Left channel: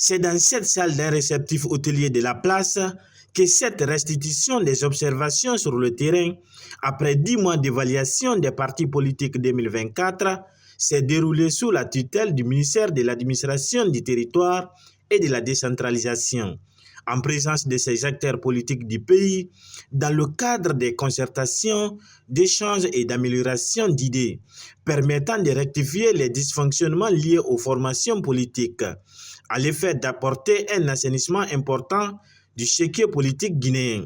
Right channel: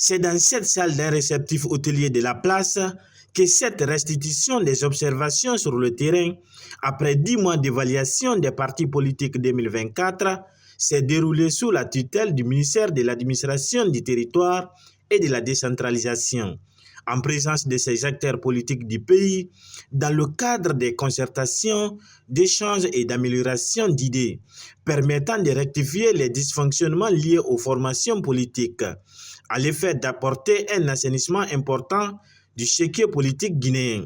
C'est dans cette salle d'un réceptif hôtelier de la place que cette restitution des observations sur le terrain, après 10 mois d'évaluation des partis politiques 2024, s'est déroulée sous la tutelle du ministère de l'Administration du territoire et de la décentralisation, en présence de ces acteurs politiques du pays, dans le cadre des concertations, d'échanges et d'amélioration d'idées, permettant de rectifier les dysfonctionnements liés aux formations politiques, à l'effet d'apporter un assainissement important du chéquier politique guinéen.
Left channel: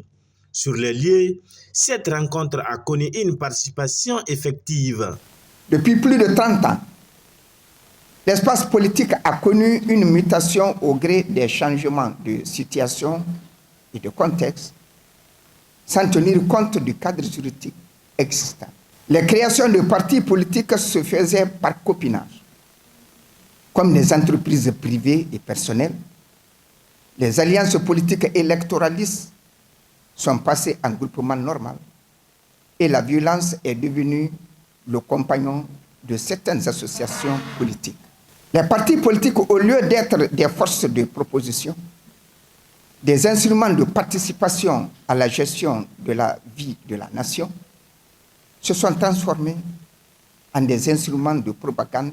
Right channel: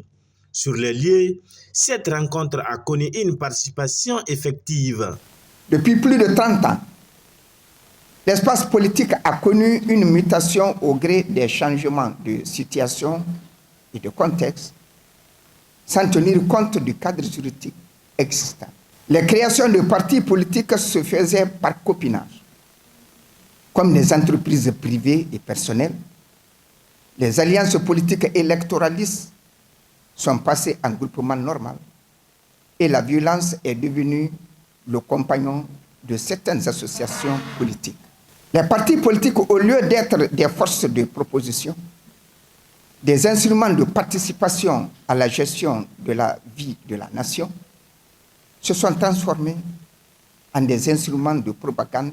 Sur les lieux, cette rencontre a connu une participation effective. Depuis plus de 30 ans, l'espace politique a connu une mutation au gré des changements de situation et de contexte, sans tenir compte du cadre juridique existant. Les créations de partis politiques se faisaient par copinage. Comme les entreprises privées et personnelles, les alliances politiques électoralistes sont passées en groupement normal et la violence est devenue le compagnon de certaines associations politiques. Les partis politiques, au lieu d'être des forces de proposition, des instruments de participation à la gestion de la vie de la nation, se sont transformés en des instruments de propagande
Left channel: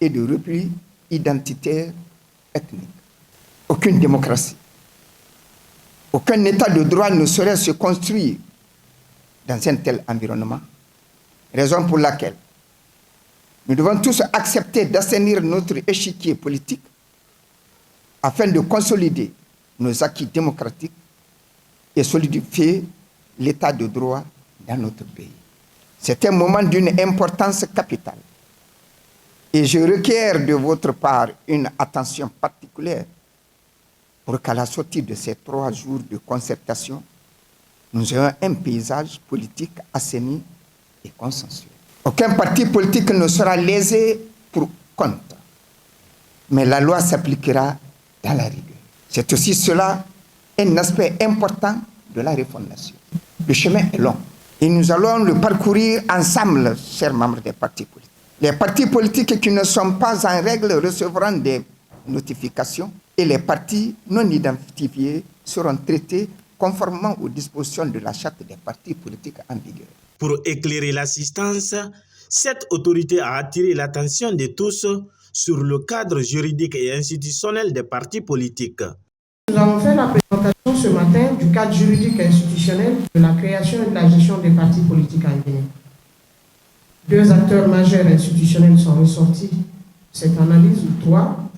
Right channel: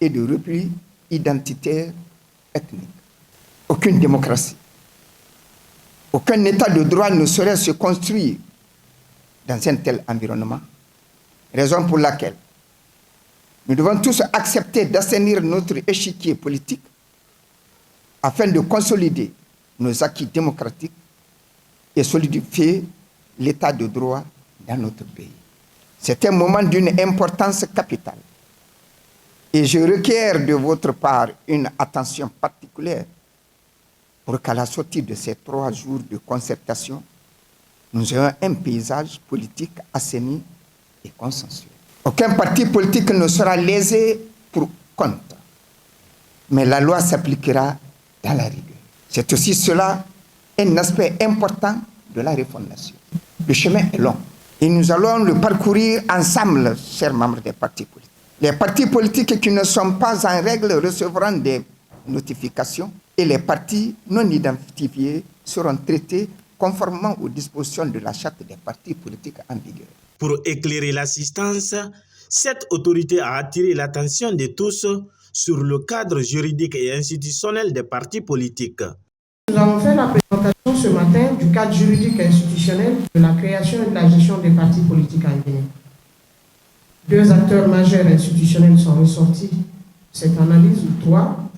et de repli identitaire ethnique. Aucune démocratie, aucun état de droit ne saurait se construire dans un tel environnement, raison pour laquelle nous devons tous accepter d'assainir notre échiquier politique afin de consolider nos acquis démocratiques et solidifier l'état de droit dans notre pays. C'est un moment d'une importance capitale et je requiers de votre part une attention particulière pour qu'à la sortie de ces 3 jours de concertation, nous ayons un paysage politique assaini et consensuel. Aucun parti politique ne sera lésé pour compte, mais la loi s'appliquera dans la rigueur. C'est aussi cela un aspect important de la refondation. Le chemin est long et nous allons le parcourir ensemble, chers membres des partis politiques. Les partis politiques qui ne sont pas en règle recevront des notifications et les partis non identifiés seront traités conformément aux dispositions de la charte des partis politiques en vigueur. Pour éclairer l'assistance, cette autorité a attiré l'attention de tous sur le cadre juridique et institutionnel des partis politiques. Nous avons fait la présentation ce matin du cadre juridique et institutionnel de la création et de la gestion des partis politiques en Guinée. 2 acteurs majeurs institutionnels sont ressortis de cette analyse, ou 3.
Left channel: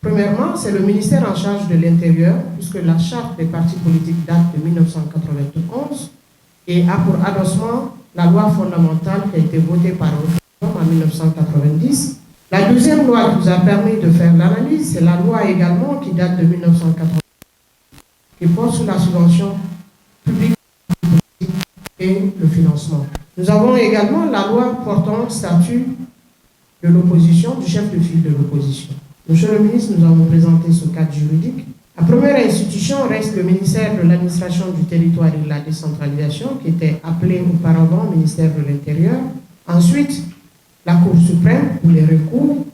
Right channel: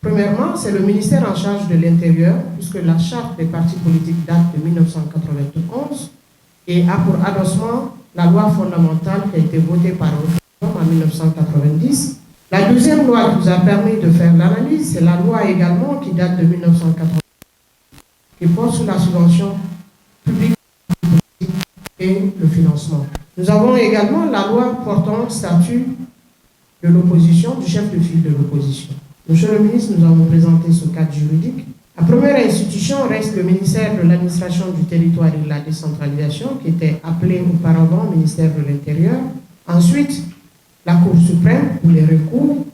Premièrement, c'est le ministère en charge de l'Intérieur, puisque la charte des partis politiques date de 1991 et a pour adossement la loi fondamentale qui a été votée par référendum en 1990. La deuxième loi qui nous a permis de faire l'analyse, c'est la loi également qui date de 1990, qui porte sur la subvention publique et le financement. Nous avons également la loi portant statut de l'opposition, du chef de file de l'opposition. Monsieur le ministre, nous avons présenté ce cadre juridique. La première institution reste le ministère de l'Administration du territoire et de la décentralisation, qui était appelé auparavant ministère de l'Intérieur. Ensuite, la Cour suprême pour les recours.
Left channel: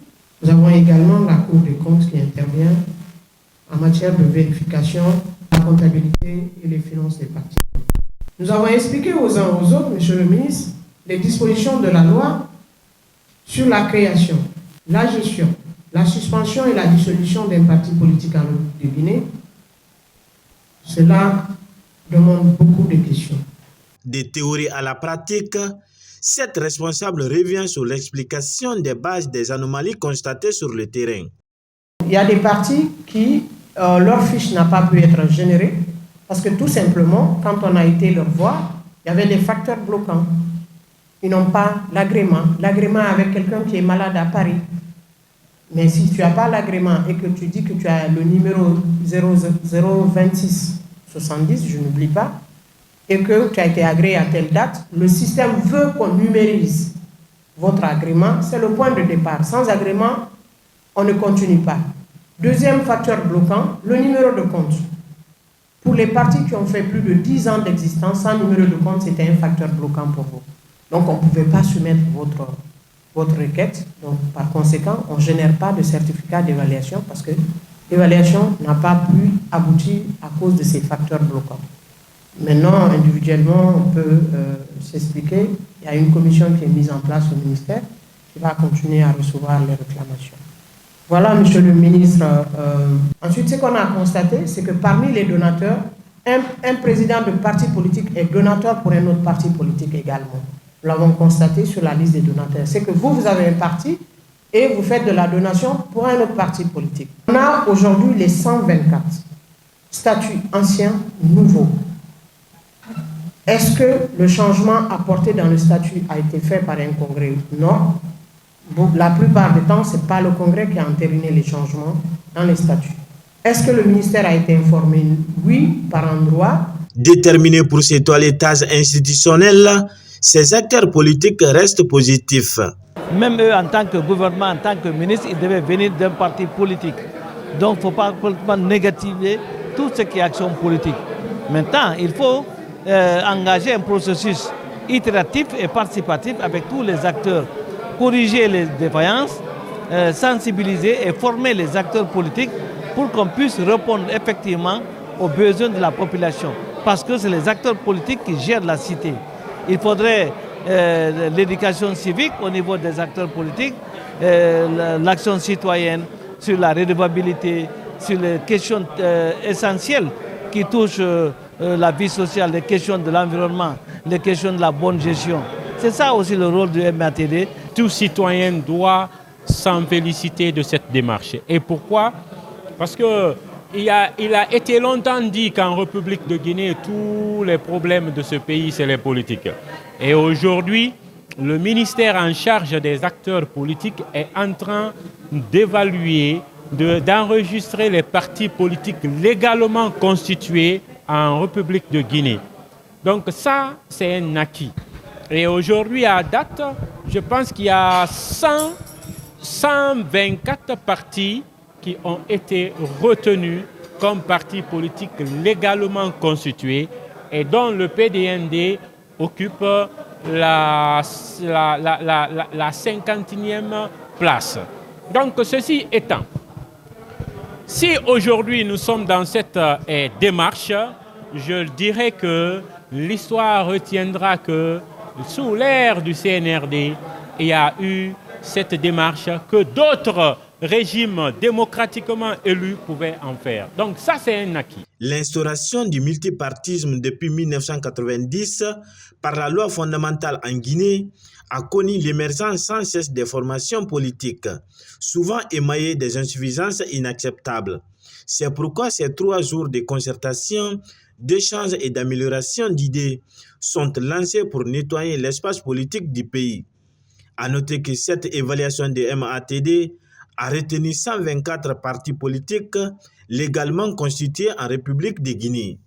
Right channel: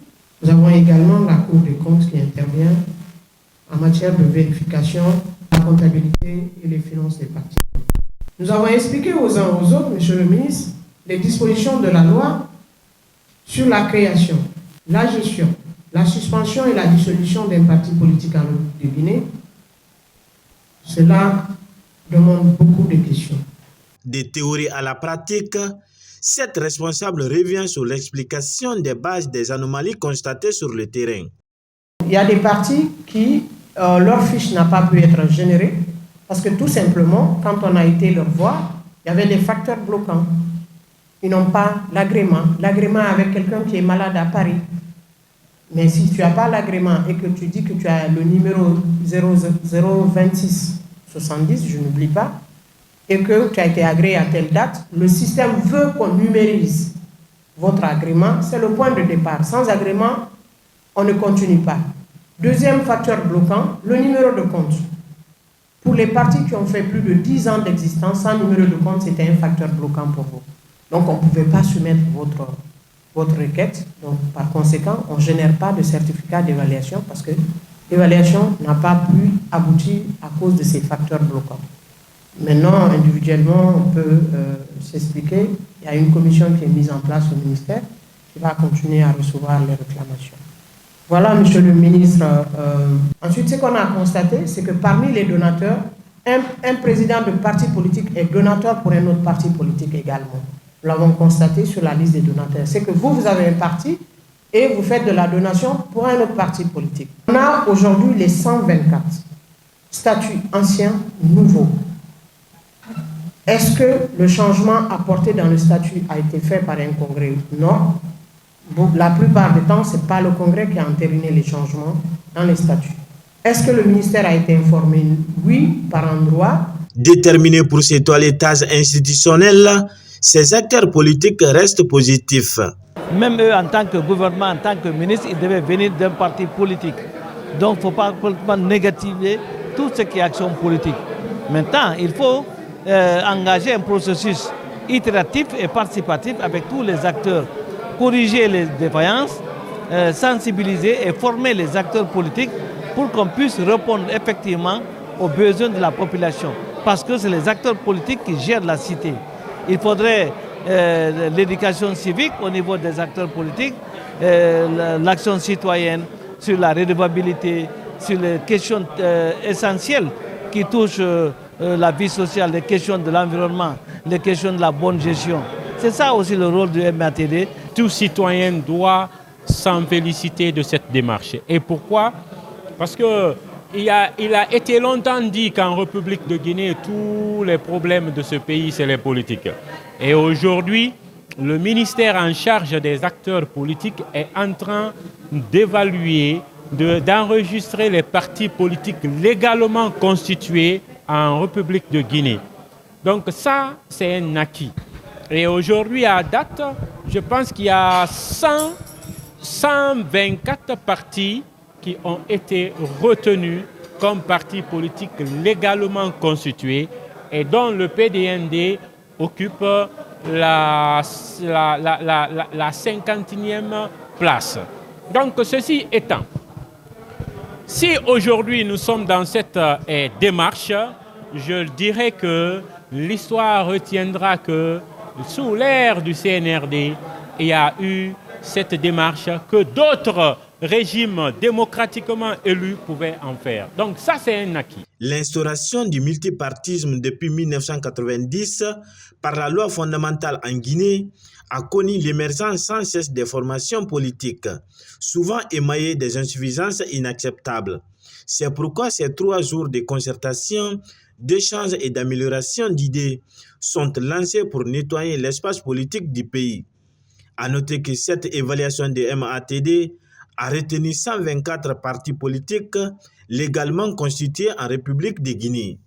Nous avons également la Cour des comptes qui intervient en matière de vérification, la comptabilité et les finances des partis. Nous avons expliqué aux uns aux autres, monsieur le ministre, les dispositions de la loi sur la création, la gestion, la suspension et la dissolution d'un parti politique en République de Guinée. Cela demande beaucoup de questions. Des théories à la pratique, cette responsable revient sur l'explication des bases des anomalies constatées sur le terrain. Il y a des partis qui, leur fiche n'a pas pu être générée parce que tout simplement, quand on a été leur voir, il y avait des facteurs bloquants. Ils n'ont pas l'agrément. L'agrément avec quelqu'un qui est malade à Paris. Mais si tu n'as pas l'agrément et que tu dis que tu as le numéro 02670, je n'oublie pas, et que tu as été agréé à telle date, le système veut qu'on numérise votre agrément. C'est le point de départ. Sans agrément, on ne continue pas. Deuxième facteur bloquant, le numéro de compte. Pour les partis qui ont fait plus de 10 ans d'existence, sans numéro de compte, c'était un facteur bloquant pour vous. Donc, on ne pouvait pas soumettre votre requête. Donc, par conséquent, on ne génère pas de certificat d'évaluation parce que L'évaluation n'a pas pu aboutir à cause de ces facteurs bloquants. Maintenant, individuellement, on peut s'expliquer. Il y a une commission qui est mise en place au ministère qui va continuer à recevoir les réclamations. Voilà, monsieur le ministre. Ensuite, ce qu'on a constaté, c'est que parmi les donateurs, un président de parti politique est donateur pour un autre parti politique également. Nous l'avons constaté sur la liste des donateurs. C'est que vous avez un parti et vous faites de la donation pour un autre parti politique. On a aujourd'hui les 124 statuts anciens, nouveaux. Est-ce que le changement apporté dans le statut a été fait par un congrès? Non. La plupart du temps, ce n'est pas le congrès qui a entériné les changements dans les statuts. Est-ce que le ministère a été informé? Oui, par endroit. Déterminés pour ces toilettages institutionnels, ces acteurs politiques restent positifs. L'instauration du multipartisme depuis 1990 par la loi fondamentale en Guinée a connu l'émergence sans cesse des formations politiques, souvent émaillées des insuffisances inacceptables. C'est pourquoi ces 3 jours de concertation, d'échange et d'amélioration d'idées sont lancés pour nettoyer l'espace politique du pays. À noter que cette évaluation de MATD a retenu 124 partis politiques légalement constitués en République de Guinée.